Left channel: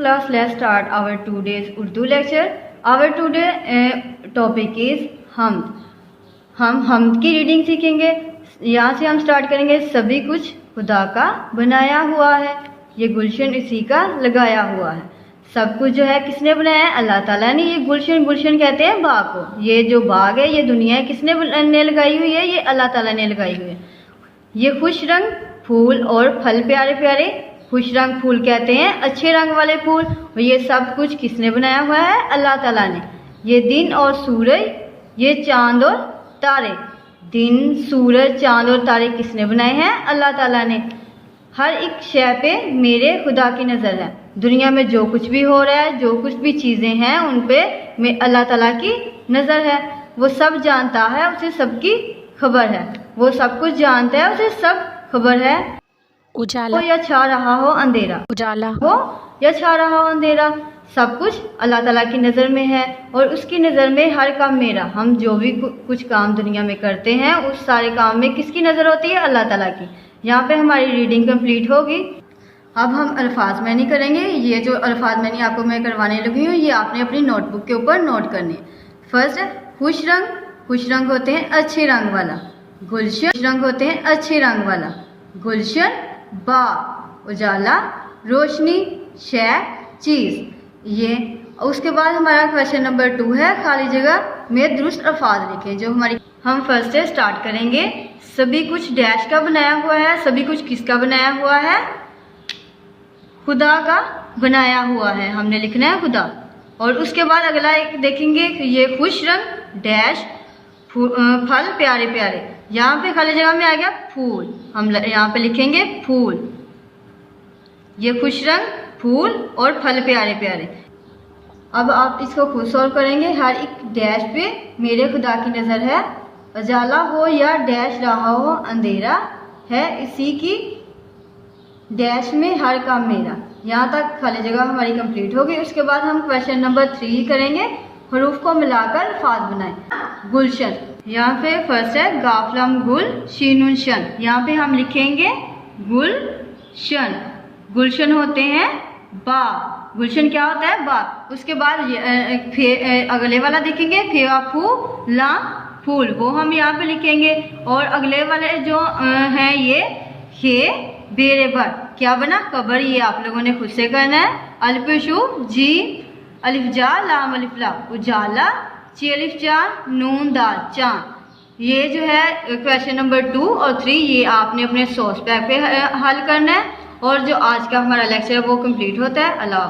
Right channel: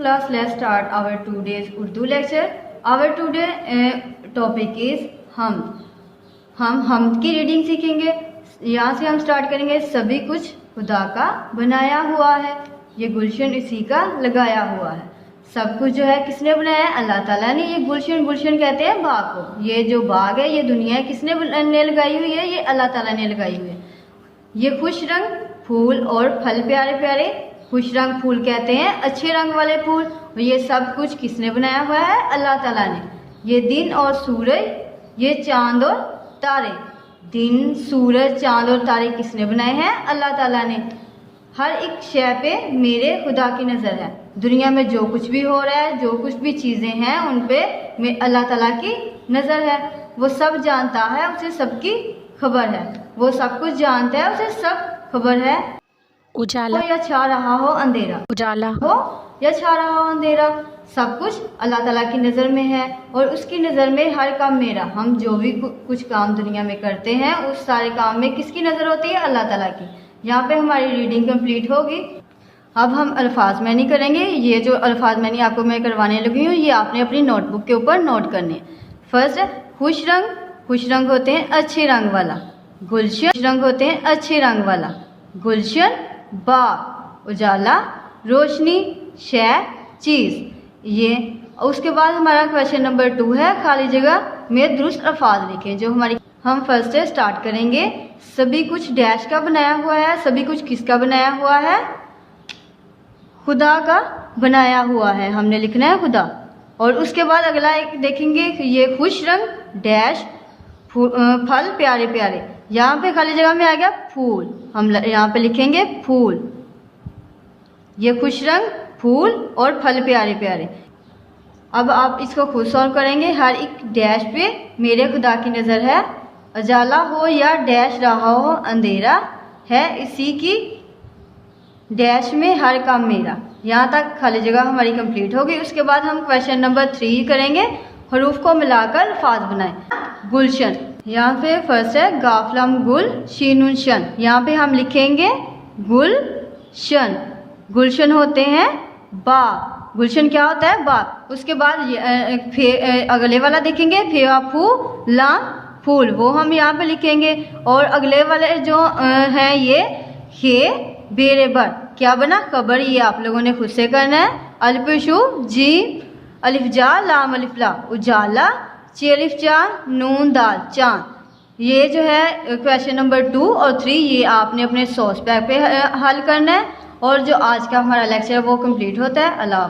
class, let's start our today's Urdu lecture. Our today topic is हम की reading सीखेंगे। यहाँ से हम स्टार्ट करेंगे। सभी कुछ खुदा का बनाया हुआ है, ये गुलशन इसी का लगाया हुआ है। सब कुछ जो है किसने बनाया है? अल्लाह ताला ने। ये गुलशन कहते हैं बाग को। ये जो बाग है, ये दुनिया है, किसने लगाई हुई है? ये अल्लाह ताला ने लगाई हुई है। ये खुश रंग फूल और फल प्यारे प्यारे, खुश रंग फूल कहते हैं अच्छे रंग वाले फूल। और ये सब कुछ किसने बनाया हुआ है? अल्लाह ताला ने। ये दिन और सूरज, ये चांद और तारे, दिन सूरज चांद और तारे किसने बनाए हैं? अल्लाह ताला ने। हर एक शय पे मेरे खुदा की नज़र है। दुनिया में जो कुछ भी हो रहा है, जो कुछ भी चीज़ें हैं, उन पे अल्लाह ताला की नज़र है। वो सब जानता है, उसे सबकी खबर है। वो सब कुछ जानता है, उसे सब खबर है। उजाला हो या छा रहा हो अंधेरा, उजाला हो या छा रहा हो अंधेरा, सब कुछ अल्लाह ताला की नज़र में है। और उसकी नज़र में हर काम मेरा। हम जो भी कुछ काम दुनिया में करते हैं, उस सारे काम में किसकी नज़र होती है? अल्लाह ताला की। यहाँ पे हमारी रीडिंग कंप्लीट होगी। अब हम अल्फाज मैनी करेंगे। ये जो अल्फाज मैनी आपको मैं करवाने लगी हूँ, ये आपने अपनी नोटबुक के ऊपर नोट करने। फर्स्ट है खुश रंग। खुश रंग होते हैं अच्छे रंग वाला। गुलशन रंग होते हैं अच्छे रंग वाला। गुलशन बाग, उजाला रोशनी, शय चीज़। ये उसके बाद हमारा क्वेश्चन नंबर 2 है खाली जगह में दुरुस्त अल्फाज लिखें। जो हमारी हम फर्स्ट से स्टार्ट करेंगे। सभी कुछ डैश का बनाया हुआ है। सभी कुछ किसका बनाया हुआ है? खुदा का बनाया हुआ है। हमने लिखना है खुदा। और उसके बाद अगला एक देखेंगे, ये खुश रंग डैश फल प्यारे प्यारे। यहाँ पे खाली जगह में आ गया फूल। हम यहाँ पे लिखेंगे फूल। ये खुश रंग फूल और फल प्यारे प्यारे। अब आप इसको खुद सॉल्व करेंगे। हर एक डैश पे मेरे खुदा की नज़र है। उजाला हो या डैश रहा हो अंधेरा है, इसी की डैश में हर काम मेरा। यहाँ तक खाली जगह हमारी कंप्लीट होगी। उसके बाद हम क्वेश्चन नंबर 3 करेंगे। हरूफ को मिलाकर अल्फाज बनाएं। गुलशन, यहाँ पे फर्स्ट है गाफलम गुल शीनुन शन। यहाँ पे हम लिखेंगे गुलशन। गुलशन होते हैं बाग। गुलशन क्या होता है? बाग। उसके बाद अगले वाला देखेंगे फेवा फू ला फूल, वो हम यहाँ पे लिखेंगे। और अगले वाले जो है ये बेरेबर क्या बना? कबर। ये आप लोगों ने खुद से करना है। अल्फशु जी अलिफ जा लाम अलिफ ला, उजाला ची अलिफ जा नून दाल चांद। ये जो है क्वेश्चन नंबर 2 और 3 ये आपने अपने सोर्स पैक पे हल करना है। और जो आज का हमारा लेक्चर है वो कंप्लीट होता है। अल्लाह।